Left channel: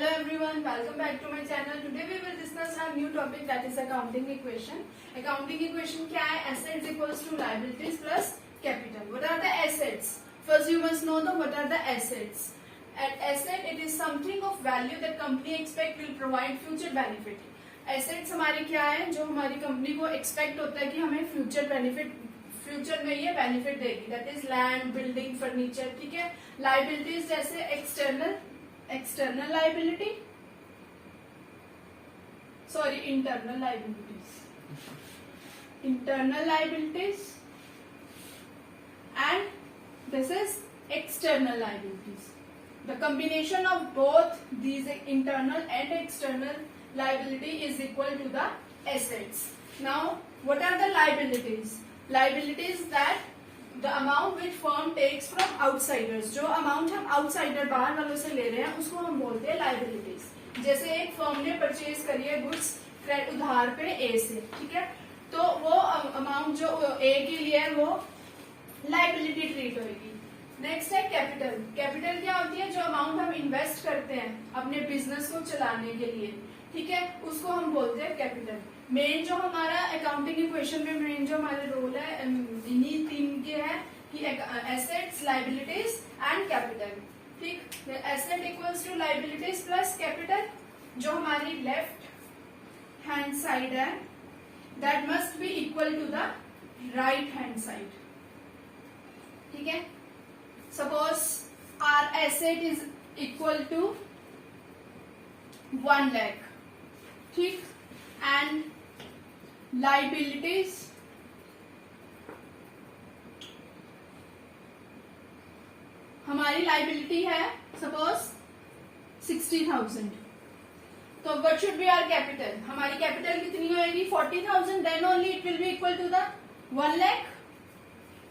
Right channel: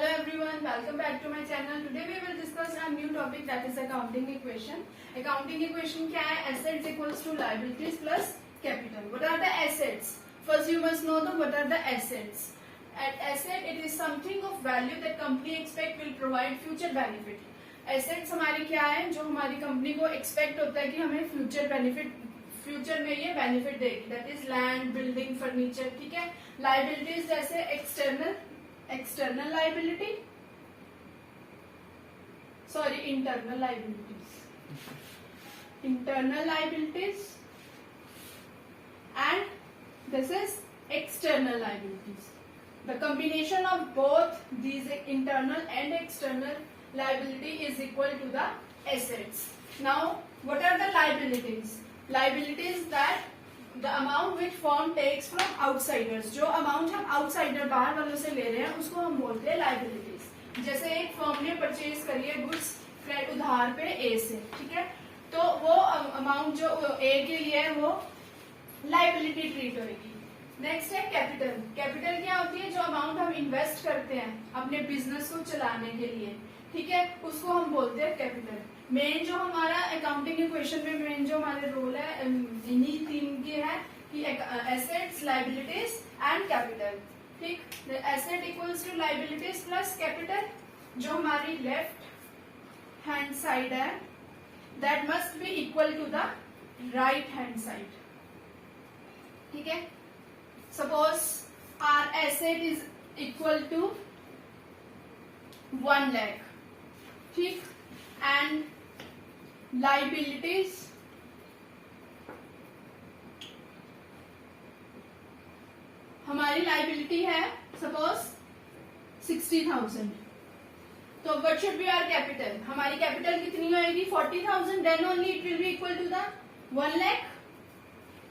Hello everyone, welcome back to my channel. Today we will discuss a new topic, that is accounting equation. Accounting equation क्या है? Assets equals to liabilities plus capital. What are the assets? First you must know what are the assets. An asset, it is something of value that company expect will provide future benefit. Assets हमारी क्या है? जो हमारी company को expect होता है कि हमें फ्यूचर में ये बेनिफिट देगी. That is land, building, furniture. ठीक है. लाइबिलिटीज जैसे external liability, sorry internal liabilities and this is external liabilities. The combination of both these internal and external liability is equal to the assets. Now, what are the liabilities? Liabilities that the amount which firm takes from outsiders. जो amount हम outsider बाहर वालों से ले रहे हैं उसको हम बोलते हैं liabilities. जैसे एक firm ने परचेज करी है गुड्स उधार पे A से, ठीक है, तो वो अमाउंट जो A के लिए है वो लाइबिलिटी ट्रीट होगी. नेक्स्ट है कैपिटल. कैपिटल क्या होती है? जो अमाउंट हम इन्वेस्ट करते हैं अपने बिजनेस को चलाने के लिए, ठीक है, उसको हम बोलते हैं कैपिटल. मेन जो हमारा अकाउंटिंग इक्वेशन में मेन जो हमारे रोल है इन्हीं तीन के है कि एसेट्स, लाइबिलिटीज एंड कैपिटल. ठीक. Asset equals to liabilities plus capital. जो हमारी लेफ्ट हैंड साइड है that must be equal to the right hand side. ठीक है. Suppose our asset is equal to 1 lakh. ठीक. एंड लाइबिलिटीज हमारी liability है suppose 60,000. तो what should be our capital? हमारी कैपिटल कितनी होगी? 40,000. Then only it will be equal to the 1 lakh.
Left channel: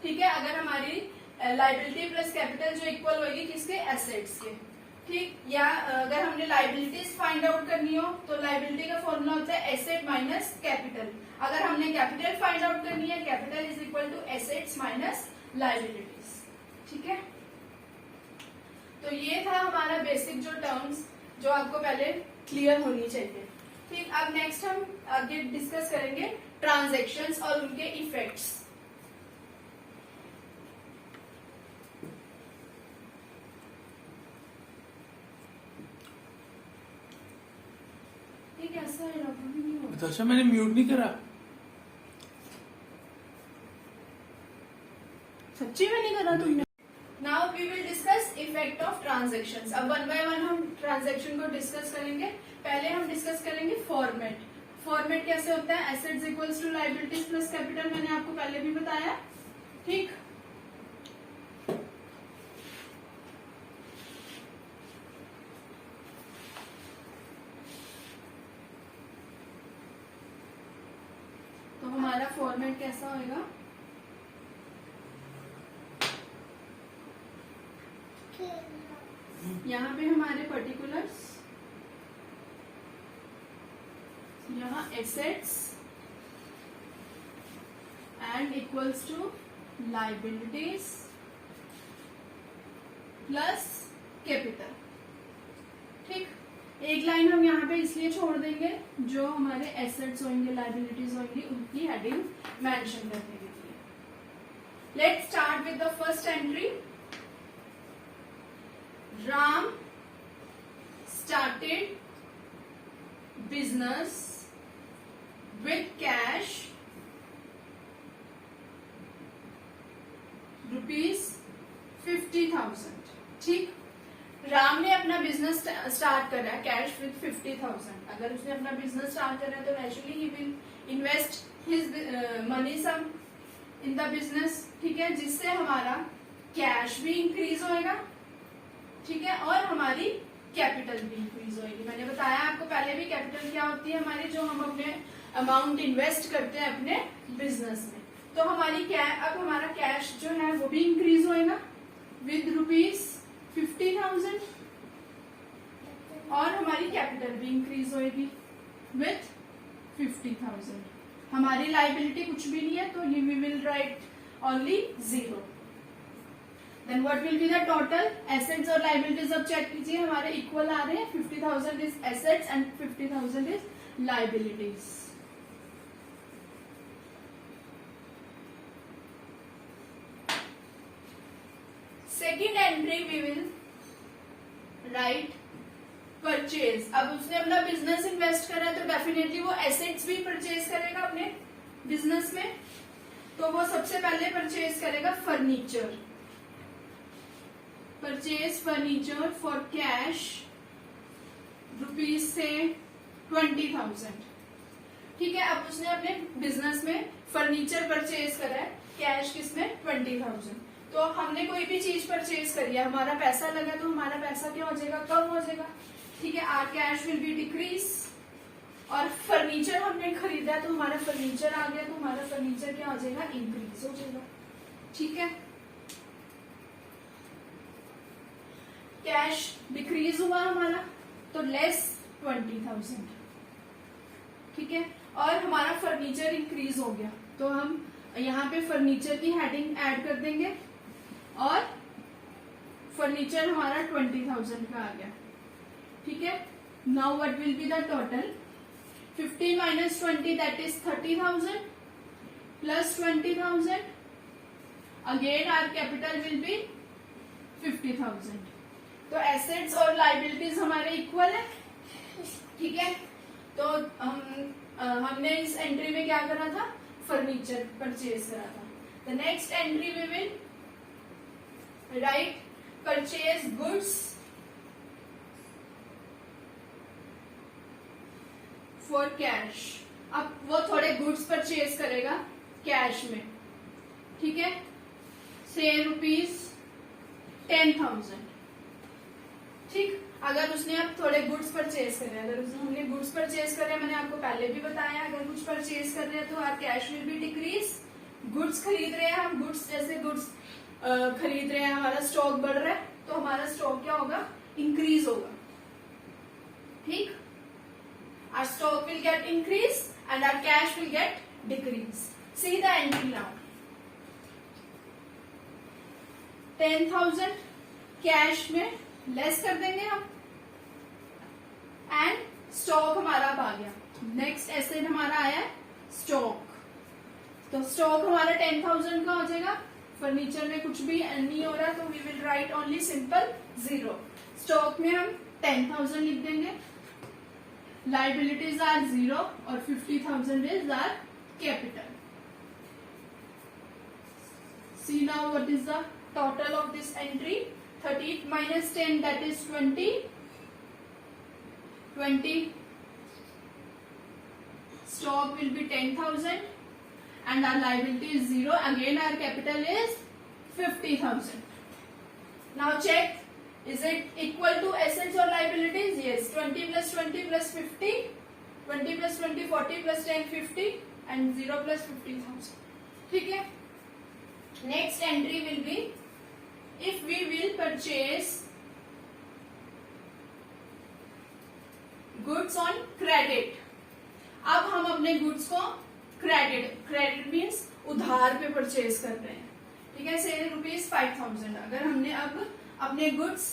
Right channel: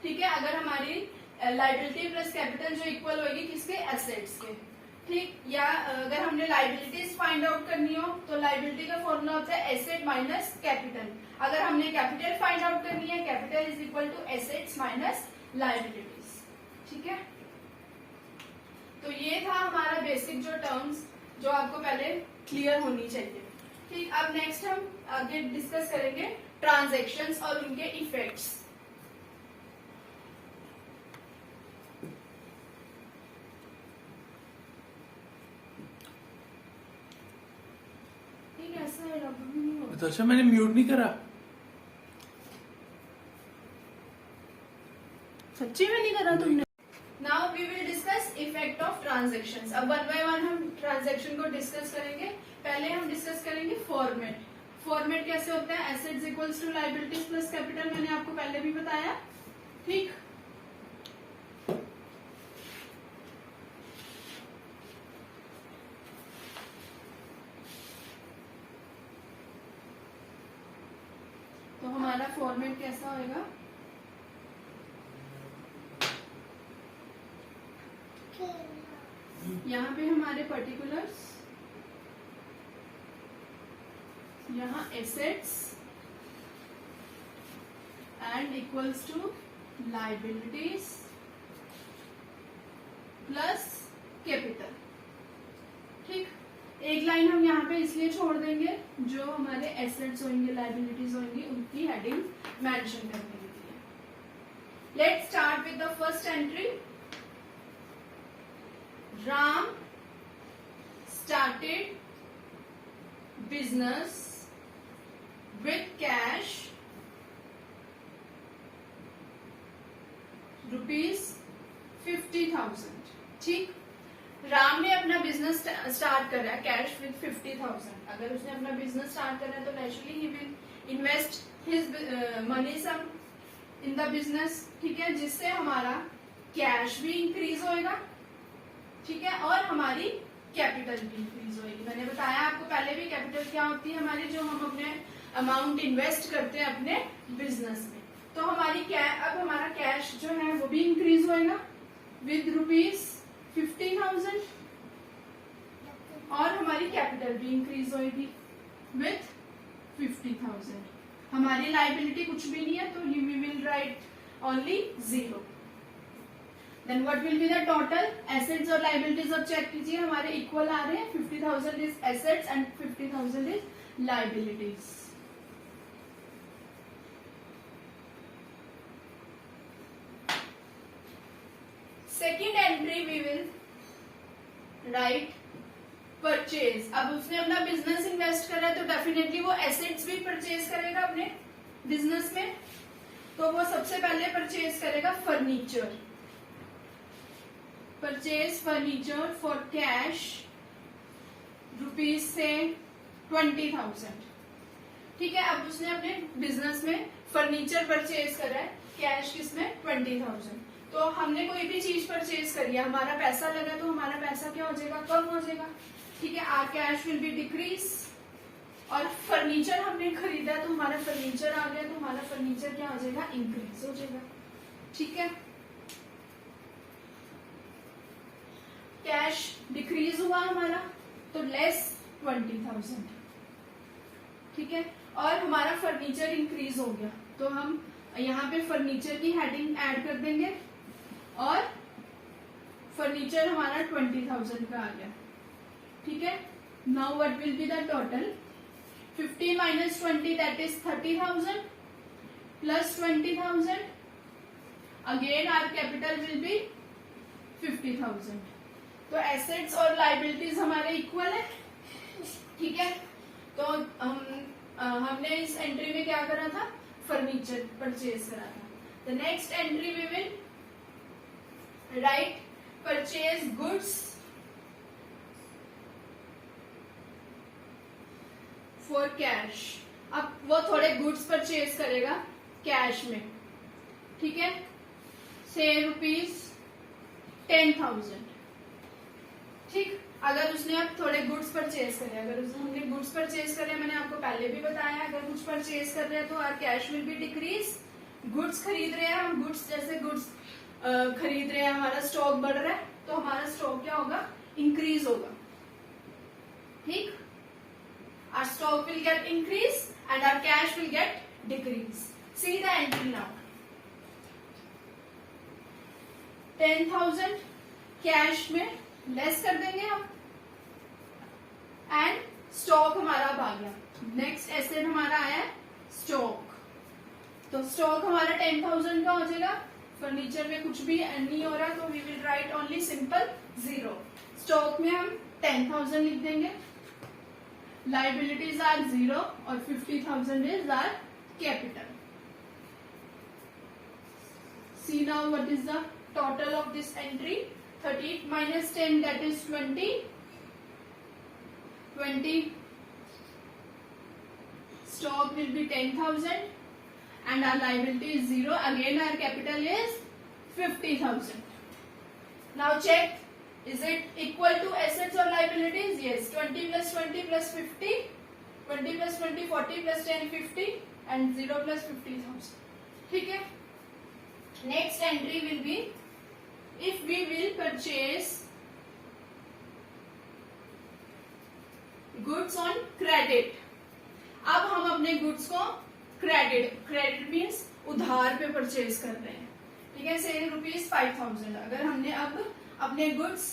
ठीक है. अगर हमारी लाइबिलिटी प्लस कैपिटल जो इक्वल होगी किसके? एसेट्स के. ठीक. या अगर हमने लाइबिलिटीज फाइंड आउट करनी हो तो लाइबिलिटी का फॉर्मूला होता है एसेट माइनस कैपिटल. अगर हमने कैपिटल फाइंड आउट करनी है, capital is equal to assets minus liabilities. ठीक है. तो ये था हमारा बेसिक जो टर्म्स जो आपको पहले क्लियर होनी चाहिए. ठीक. अब नेक्स्ट हम आगे डिस्कस करेंगे ट्रांजेक्शन्स और उनके इफेक्ट्स. अच्छा, मैंने म्यूट नहीं करा. सच्ची में नहीं करा तुमने? Now we will discuss effect of transactions. अब वन बाय वन हम ट्रांजेक्शन को डिस्कस करेंगे. पहले हम डिस्कस करेंगे फॉर्मेट. फॉर्मेट कैसे होता है? Assets equals to liabilities plus capital. मैंने आपको पहले भी बताया. ठीक. तो हमारा फॉर्मेट कैसा होएगा? यहाँ पे हमारे पर्टिकुलर्स, यहाँ assets and equals to liabilities plus capital. ठीक. एक लाइन हम यहाँ पे इसलिए छोड़ देंगे जो हमारे एसेट्स होंगे, लाइबिलिटीज होंगी, उनकी हेडिंग मेंशन करने के लिए. Let's start with the first entry. Ram started business with cash ₹50,000. ठीक. राम ने अपना बिजनेस स्टार्ट करा कैश विद 50,000. अगर उसने अपना बिजनेस स्टार्ट करा तो naturally he will invest his money some in the business. ठीक है. जिससे हमारा कैश भी इंक्रीज होएगा. ठीक है. और हमारी कैपिटल भी इंक्रीज होएगी. मैंने बताया आपको पहले भी कैपिटल क्या होती है हमारी, जो हम अपने अमाउंट इन्वेस्ट करते हैं अपने बिजनेस में. तो हमारी अब हमारा कैश जो है वो भी इंक्रीज होएगा विद ₹50,000 और हमारी कैपिटल भी इंक्रीज होएगी विथ 50,000. हमारी लाइबिलिटी कुछ भी नहीं है तो we will write only 0. Then what will be the total assets और लाइबिलिटीज। अब चेक कीजिए हमारे इक्वल आ रहे हैं, 50,000 is assets and 50,000 is liabilities. Second entry we will write purchase. अब उसने अपना बिजनेस इन्वेस्ट करा है तो डेफिनेटली वो एसेट्स भी परचेज करेगा अपने बिजनेस में। तो वो सबसे पहले परचेज करेगा furniture, purchase furniture for cash rupees से 20,000। ठीक है, अब उसने अपने बिजनेस में फर्नीचर परचेज करा है, कैश किसमें 20,000। तो हमने कोई भी चीज परचेज करी है, हमारा पैसा लगा तो हमारा पैसा क्या हो जाएगा, कम हो जाएगा। ठीक है, our cash will be decrease. और फर्नीचर हमने खरीदा तो हमारा फर्नीचर आ गया तो हमारा फर्नीचर क्या हो जाएगा, इंक्रीज हो जाएगा। ठीक है, कैश डिक्रीज हुआ हमारा तो लेस 20,000। ठीक है, और हमारा फर्नीचर इंक्रीज हो गया तो हम यहाँ पे फर्नीचर की हेडिंग ऐड कर देंगे और फर्नीचर हमारा 20,000 का आ गया। ठीक है, now what will be the total, 50 minus 20 that is 30,000 plus 20,000, again our capital will be 50,000। तो एसेट्स और लाइबिलिटीज हमारे इक्वल है। ठीक है, तो हमने इस एंट्री में क्या करा था, फर्नीचर परचेज करा था। The next entry we will write purchase goods for cash. अब वो थोड़े गुड्स परचेज करेगा कैश में। ठीक है, से ₹10,000। ठीक, अगर उसने अब थोड़े गुड्स परचेज करे, अगर हमने गुड्स परचेज करे, मैंने आपको पहले भी बताया, अगर कुछ परचेज कर रहे हैं तो our cash will be decrease. Goods खरीद रहे हैं हम, गुड्स जैसे गुड्स खरीद रहे हैं, हमारा स्टॉक बढ़ रहा है तो हमारा स्टॉक क्या होगा, इंक्रीज होगा। ठीक, our stock will get increase and our cash will get decrease. See the entry now. 10,000 cash में लेस कर देंगे हम एंड स्टॉक हमारा अब आ गया। नेक्स्ट एसेट हमारा आया है स्टॉक। तो स्टॉक हमारा 10,000 का हो जाएगा। फर्नीचर में कुछ भी नहीं हो रहा तो we will write only simple 0। Stock में हम 10,000 लिख देंगे, liabilities are 0 और 50,000 is our capital. See now what is the total of this entry, 30 minus 10 that is 20, 20 stock will be 10,000 and our liability is 0, again our capital is 50,000. Now check, is it equal to assets or liabilities? Yes. 20 plus 20 plus 50, 20 plus 20 40 plus 10 50 and 0 plus 50,000. ठीक है, next entry will be if we will purchase goods on credit. अब हम अपने goods को credit means उधार पे purchase कर रहे हैं। ठीक है, से ₹5,000 अगर हमने अब अपने गुड्स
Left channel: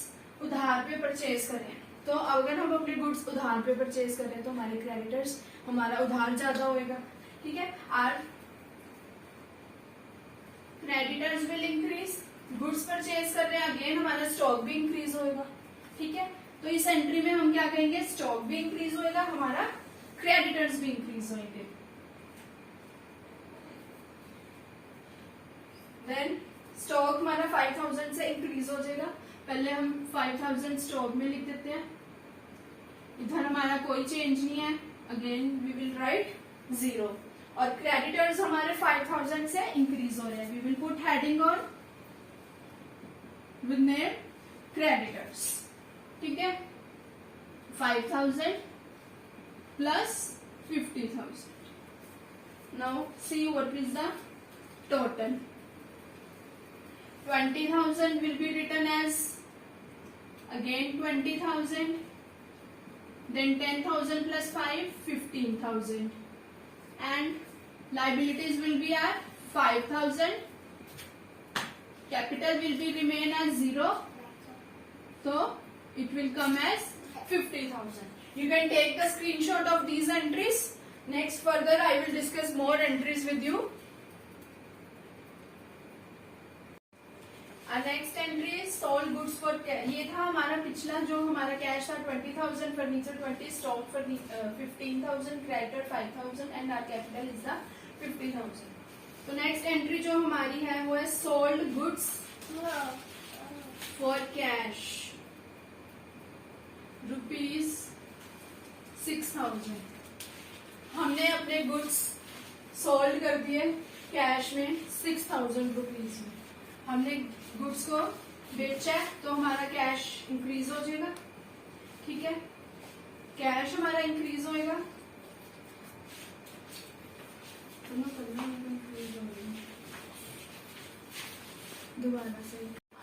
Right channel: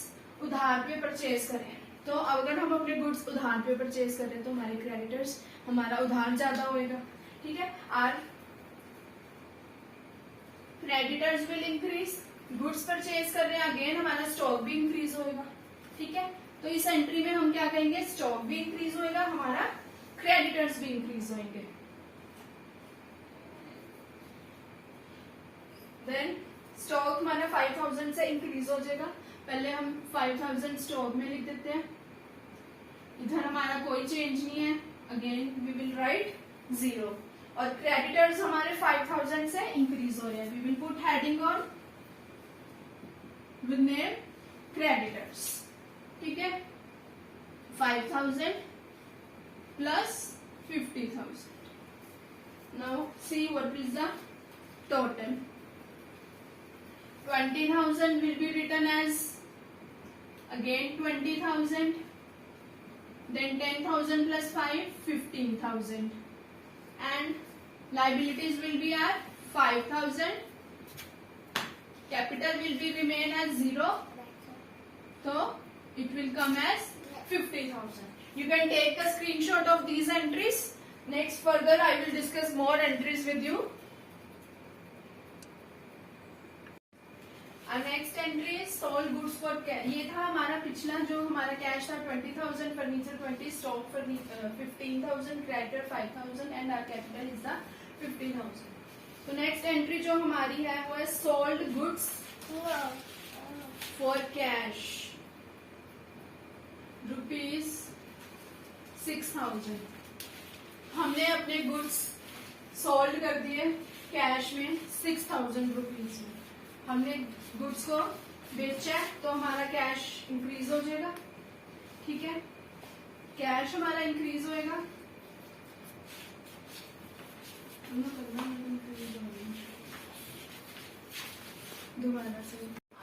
उधार पे परचेज करें तो अगर हम अपने गुड्स उधार पे परचेज करें तो हमारे क्रेडिटर्स, हमारा उधार ज्यादा होएगा। ठीक है, our creditors will increase. Goods purchase कर रहे हैं, अगेन हमारा स्टॉक भी इंक्रीज होएगा। ठीक है, तो इस एंट्री में हम क्या कहेंगे, स्टॉक भी इंक्रीज होएगा, हमारा क्रेडिटर्स भी इंक्रीज होंगे। देन स्टॉक हमारा 5,000 से इंक्रीज हो जाएगा। पहले हम 5,000 स्टॉक में लिख देते हैं, इधर हमारा कोई चेंज नहीं है, अगेन वी विल राइट 0। और क्रेडिटर्स हमारे 5,000 से इंक्रीज हो रहे हैं, we will put heading on with name creditors. ठीक है, 5,000 plus 50,000। Now see what is the total. 20,000 will be written as again 20,000, then 10,000 plus 5 15,000 and liabilities will be at 5,000 capital will be remain as 0, so it will come as 50,000. You can take the screenshot of these entries. Next further I will discuss more entries with you. Our next entry is sold goods for cash. ये था हमारा पिछला जो हमारा cash था 20,000, furniture 20, stock 15,000, creditor 5,000 and our capital is the 50,000. तो next entry जो हमारी है वो है सोल्ड गुड्स फॉर कैश ₹6,000. हमने अपने गुड्स सोल्ड कर दिए कैश में 6,000 रुपीज में. हमने गुड्स को बेचा है तो हमारा कैश इंक्रीज हो जाएगा. ठीक है, कैश हमारा इंक्रीज होएगा. दोबारा से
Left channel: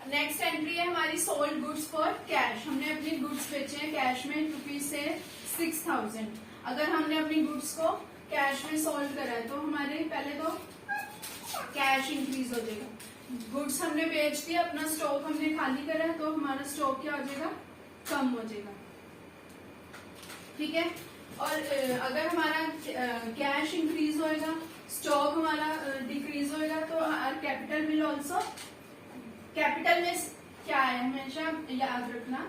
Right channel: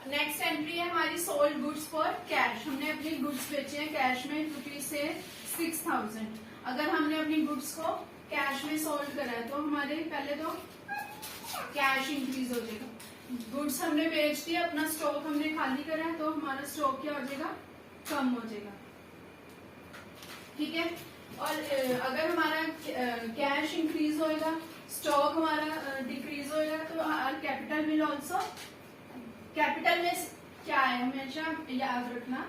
नेक्स्ट एंट्री है हमारी सोल्ड गुड्स फॉर कैश. हमने अपनी गुड्स बेचे हैं कैश में रुपीज से 6,000. अगर हमने अपनी गुड्स को कैश में सोल्ड करा है तो हमारे पहले तो कैश इंक्रीज हो जाएगा. गुड्स हमने बेच दिया, अपना स्टॉक हमने खाली करा है तो हमारा स्टॉक क्या हो जाएगा, कम हो जाएगा. ठीक है, और अगर हमारा कैश इंक्रीज होएगा, स्टॉक हमारा डिक्रीज होएगा तो कैपिटल विल ऑल्सो. कैपिटल में क्या है हमेशा याद रखना,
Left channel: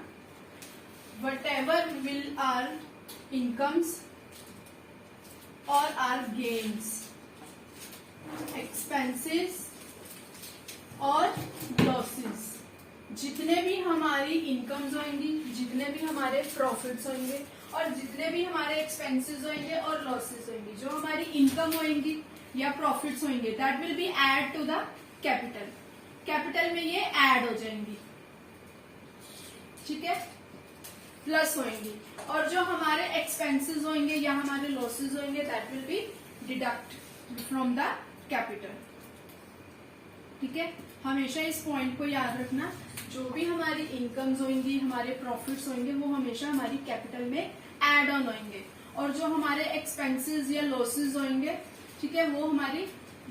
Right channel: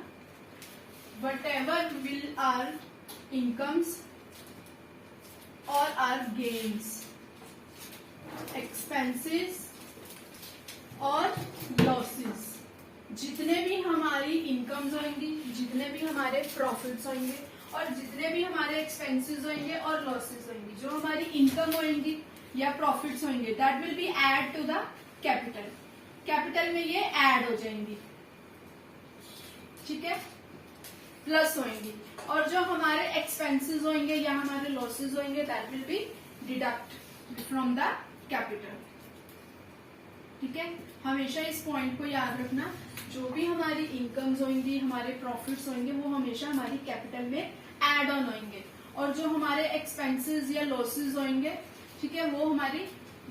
whatever will our incomes और आर गेन्स, एक्सपेंसेस और लॉसेस. जितने भी हमारी इनकम्स होंगी, जितने भी हमारे प्रॉफिट्स होंगे और जितने भी हमारे एक्सपेंसेस होंगे और लॉसेस होंगे, जो हमारी इनकम होंगी या प्रॉफिट्स होंगे, that will be add to the capital. Capital में ये ऐड हो जाएंगी. ठीक है, प्लस होंगी. और जो हमारे एक्सपेंसेस होंगे या हमारे लॉसेस होंगे, that will B deduct from the capital. ठीक है, हमेशा इस पॉइंट को याद रखना, जो भी हमारी इनकम्स होंगी, हमारे प्रॉफिट्स होंगे, वो हमेशा हमारी कैपिटल में एड ऑन होंगे. और जो हमारे एक्सपेंसेस या लॉसेस होंगे, ठीक है, वो हमारी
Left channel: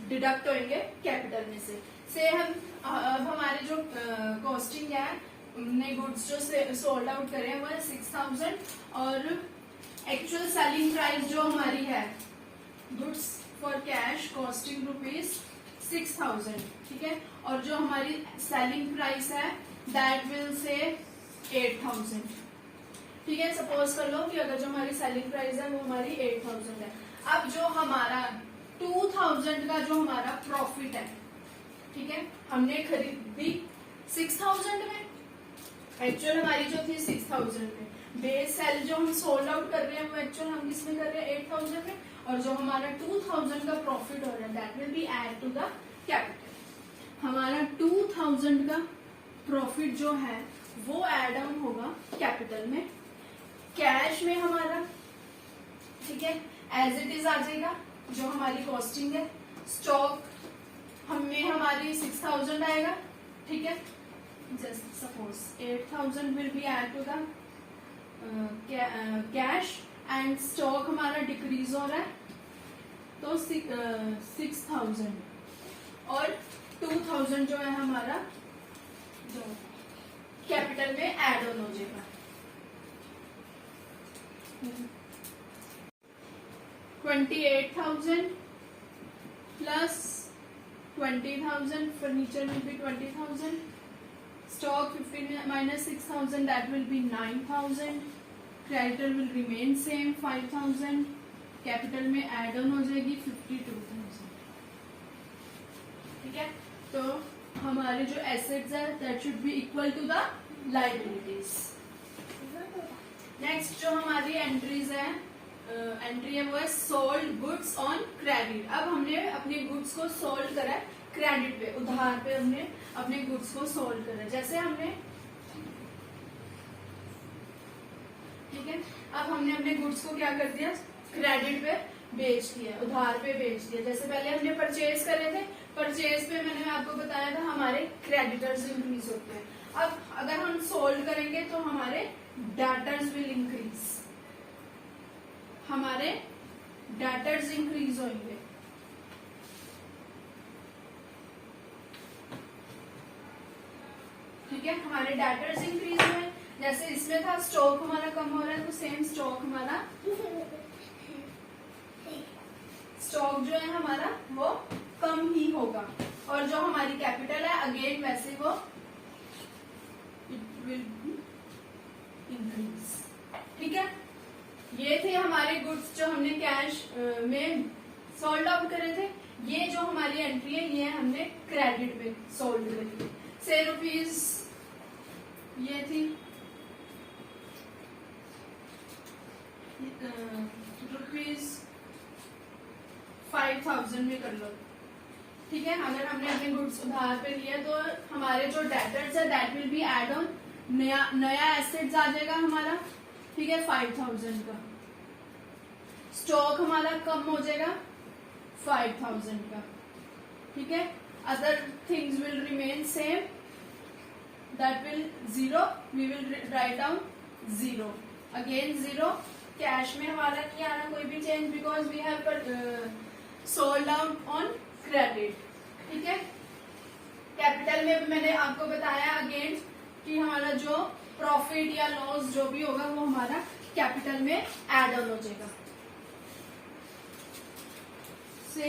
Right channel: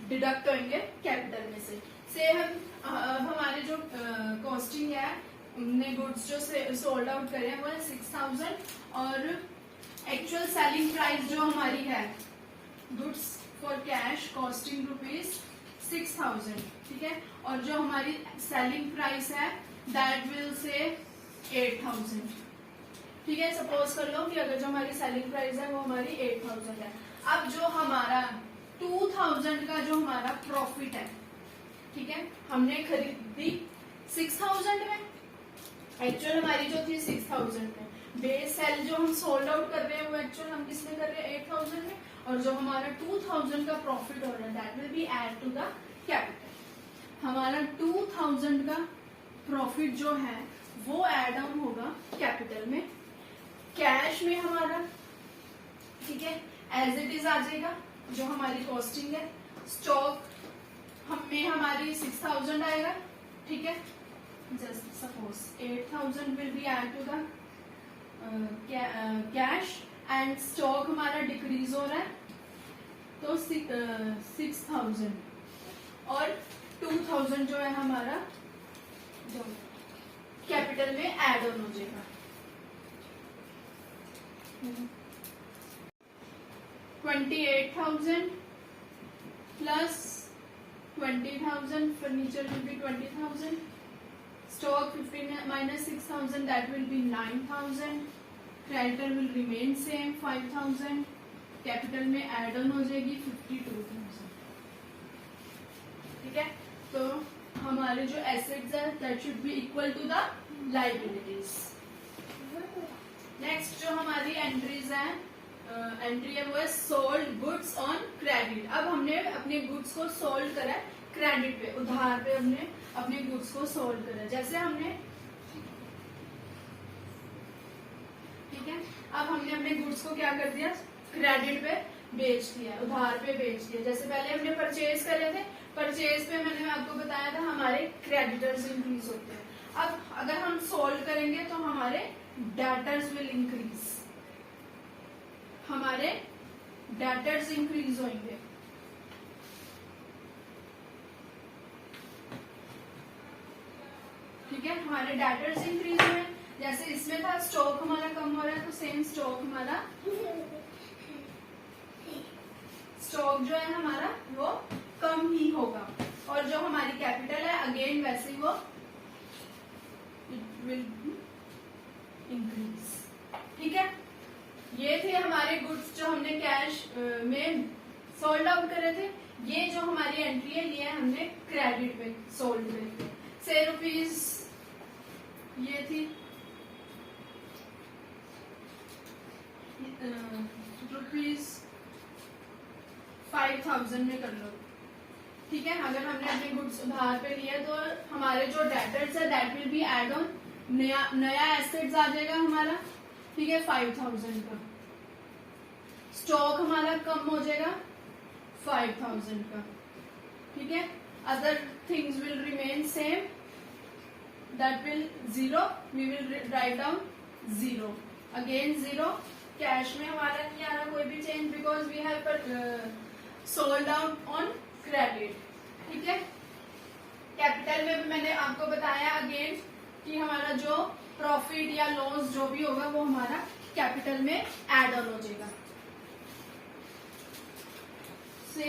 डिडक्ट होंगे कैपिटल में से. हम अब हमारे जो कॉस्टिंग है, हमने गुड्स जो सोल्ड आउट करे हैं वो है 6,000 और एक्चुअल सेलिंग प्राइस जो हमारी है गुड्स फॉर कैश कॉस्टिंग ₹6,000. ठीक है, और जो हमारी सेलिंग प्राइस है दैट विल से 8,000. ठीक है, सपोज कर लो कि अगर जो हमारी सेलिंग प्राइस है वो हमारी 8,000 है. अब जो हमारा 2,000 का जो हमारा प्रॉफिट है, ठीक है, हमने खरीदी 6,000 में, एक्चुअल हमारी जो थी 6,000 में, बेस सेल जो हम सोल्ड आउट कर रहे हैं वो एक्चुअल हम किसमें कर रहे हैं 8,000 में, और जो हमारा 2,000 का प्रॉफिट हो रहा है that will be add to the capital. हमारा 2,000 का प्रॉफिट जो है वो एड ऑन होगा कैपिटल में. कैश में हमारा, ठीक है, एज इट इज आ जाएगा जो हमारी कॉस्टिंग है. स्टॉक हमें हमारी 6,000 आएगा. ठीक है, just suppose 8,000 will be add to the cash and stock हमारा डिक्रीज हो रहा है तो 6,000 और 2,000 जो है हमारा जो कैपिटल में एड ऑन हो जाएगा. 28,000 plus 20,000, furniture will be 20,000, stock 15 minus 6,000 that will be 9,000, creditor will remain same 5,000, capital में add on हो जाएगी 52,000. ठीक है, तो हमारे जो assets है that should be equal to the liabilities. Next जो हमारी एंट्रीज है, एंट्री है वो है सोल्ड गुड्स ऑन क्रेडिट. अब हमने अपने गुड्स को सोल्ड करा क्रेडिट पे, उधार पे हमने अपने गुड्स को सोल्ड करा. जैसे हमने, ठीक है, अब हमने अपने गुड्स को क्या कर दिया, क्रेडिट पे बेच दिया, उधार पे बेच दिया. जैसे पहले हमने परचेज करे थे, परचेज पे मैंने आपको बताया था हमारे क्रेडिटर्स इंक्रीज होते हैं. अब अगर हम सोल्ड करेंगे तो हमारे डेटर्स विल इंक्रीज, हमारे डेटर्स इंक्रीज होंगे. ठीक है, हमारे डेटर्स इंक्रीज हुए हैं, जैसे इसमें था स्टॉक हमारा कम हो रहा है, तो सेम स्टॉक हमारा स्टॉक जो है हमारा वो कम ही होगा, और जो हमारी कैपिटल है अगेन वैसे ही वो इट विल इंक्रीज। ठीक है, ये थे हमारे गुड्स जो हमने कैश में सोल्ड आउट करे थे। ये जो हमारी एंट्री है ये हमने क्रेडिट में सोल्ड करे, से रुपीज ये थी रुपीज 5000 में कर लो। ठीक है, अगर हमने अपने गुड्स उधार पे लिए तो हमारे जो डेटर्स है that will be add on, नया एसेट्स आ जाएगा हमारा। ठीक है, 5000 का स्टॉक हमारा कम हो जाएगा 5000 का। ठीक है, other things will remain same, that will 0, we will write down 0, again 0। Cash में हमारा नहीं आ रहा कोई भी change, because we have sold out on credit. ठीक है, कैपिटल में भी मैंने आपको बताया अगेन कि हमारा जो प्रॉफिट या लॉस जो भी होगा वो हमारा कैपिटल में एड ऑन हो जाएगा। से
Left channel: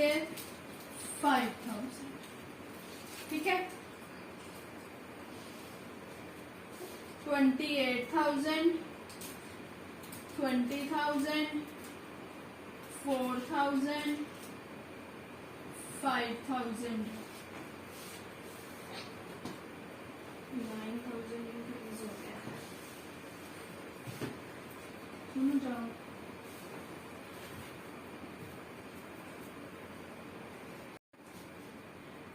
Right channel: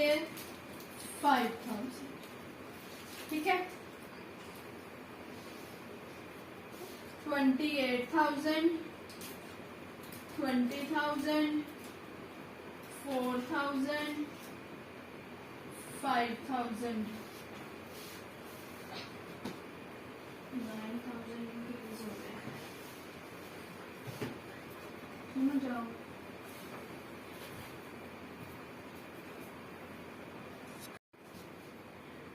5000, ठीक है, 28,000, 20,000, 4,000, 5,000, 9,000 इंक्रीज हो गया। सुनो जाओ,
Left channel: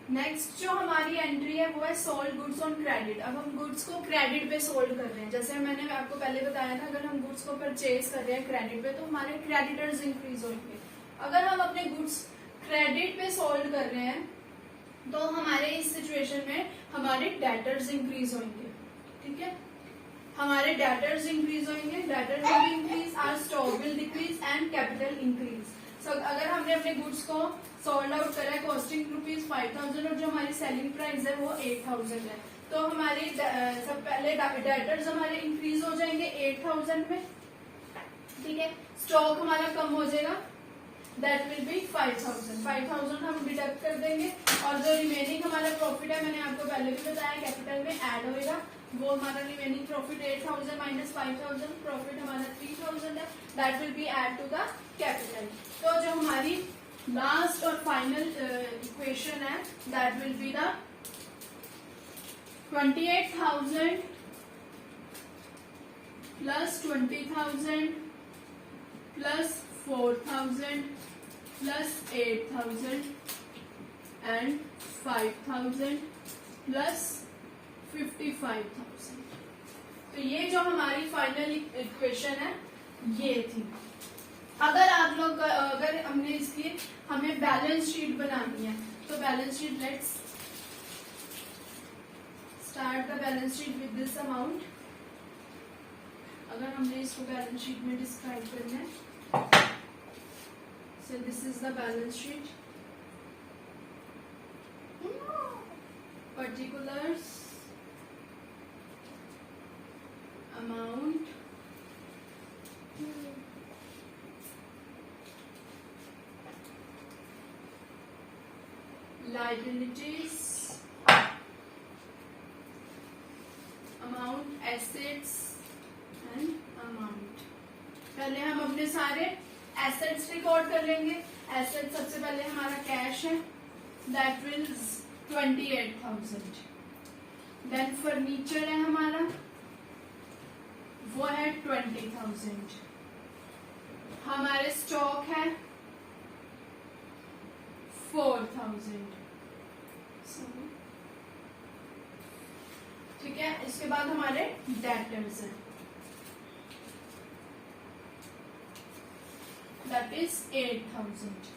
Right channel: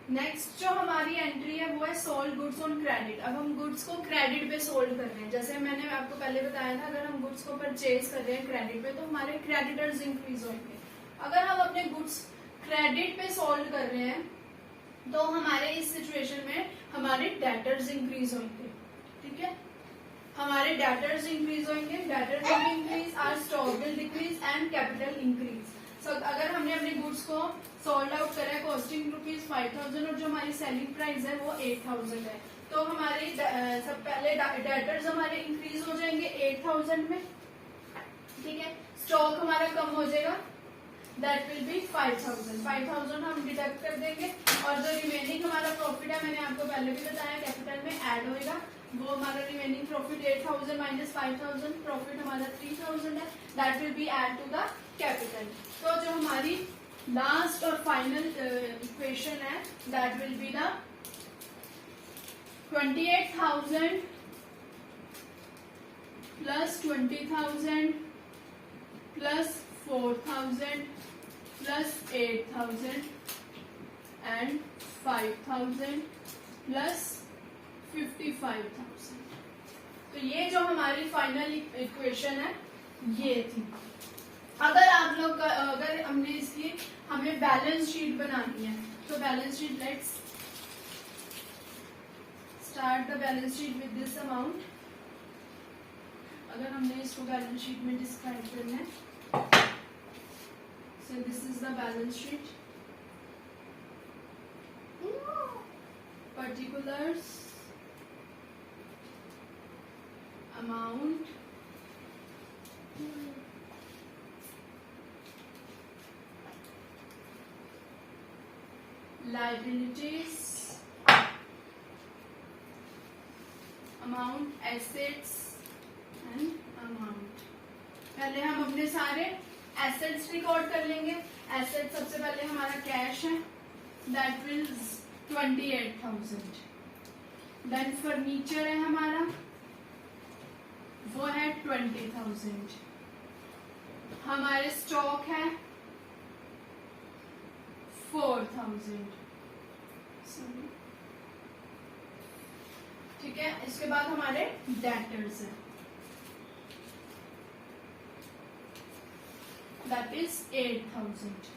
नेक्स्ट जो हमारी एंट्री है वो है सोल्ड गुड्स ऑन क्रेडिट। अब हम गुड्स को क्रेडिट पे सोल्ड कर रहे हैं, जैसे मैंने आपको पहले बताया था, अगर हम गुड्स को परचेज कर रहे हैं क्रेडिट पे तो हमारे क्रेडिटर्स इंक्रीज होंगे। अगर हम अपने गुड्स क्रेडिट पे सोल्ड कर रहे हैं तो हमारे इस सिचुएशन में हमारे डेटर्स इंक्रीज होंगे। ठीक है, हमारे डेटर्स इंक्रीज होंगे, debtors will increase, our stock will decrease and capital increase. अगर हमने अपने गुड्स को सोल्ड आउट करा है कॉस्टिंग रुपीज 5000 और जो हमारी सेलिंग प्राइस है वो 8000 है, तो हमारी सब पहले डेटर्स हमारे इंक्रीज हो जाएंगे 8000 में। ठीक है, स्टॉक हमारा कम हो जाएगा, दैट विल बी 5000। 5000 हम डिडक्ट कर देंगे और जो रिमेनिंग हमारा प्रॉफिट है, मैंने आपको पहले भी बताया कैपिटल में ऐड होएगा, वो हमारा रिमेनिंग प्रॉफिट 8000 माइनस 5000, प्रॉफिट हमारा 3000 है, that will be add to the capital. तो जो हमारी लास्ट और फाइनल इक्वेशन है that will be the 28,000 plus 20,000 plus 4,000 plus 8,000 and 5,000 plus 55,000। तो ये जो हमारी फाइनल इक्वेशन है ये थी। अगर आप लोग अगर हमने इसकी हमें बैलेंस शीट बनानी है तो balance sheet, let's start the balance sheet with this amount. अगर हमने इसको बैलेंस शीट में डिस्क्राइब करना है, so this is the balance sheet, particulars, amount, liabilities, amount, assets and amount। पहले हम अपने सारे एसेट्स रिकॉर्ड कर लेंगे। एसेट सबसे पहले हमारा कैश है, दैट विल 28,000। देन फर्नीचर है हमारा, वो है 20,000। हमारे स्टॉक है 4,000। ठीक है, इसके बाद हमारे डेटर्स हैं, दैट इज 8,000।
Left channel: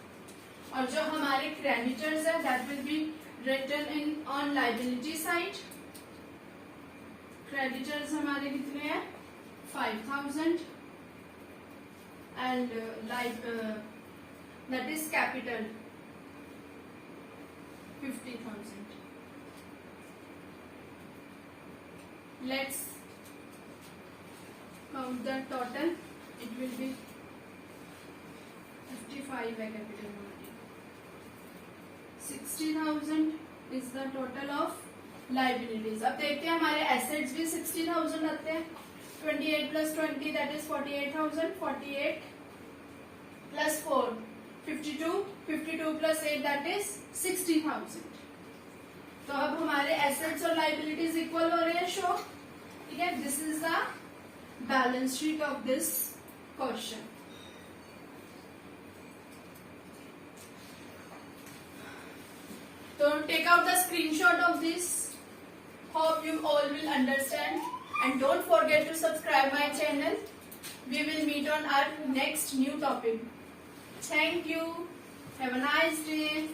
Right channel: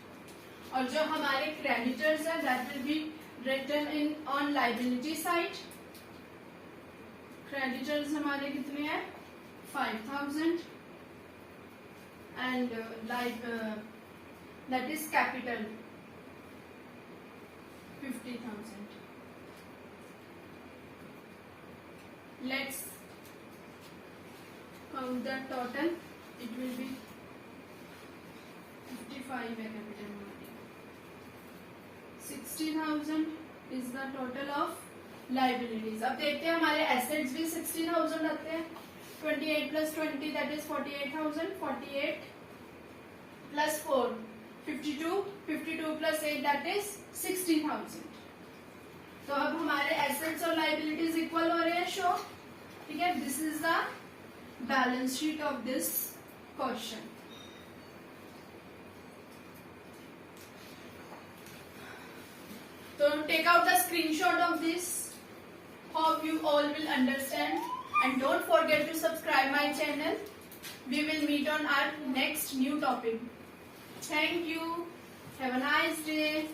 और जो हमारे क्रेडिटर्स है that will be written in on liability side. Creditors हमारे कितने हैं 5,000 and that is capital 50,000। let's count that total. It will be 55 है capital amount. 60,000 is the total of liabilities. अब देखते हैं हमारे assets भी 60,000 आते हैं. 28 plus 20 that is 48,000. 48 plus 4 52. 52 plus 8 that is 60,000. तो अब हमारे assets और liabilities equal हो रहे हैं शो. ठीक है, this is the balance sheet of this question. So take out the screenshot of this. Hope you all will understand, and don't forget to subscribe my channel. We will meet on our next new topic. Thank you. Have a nice day.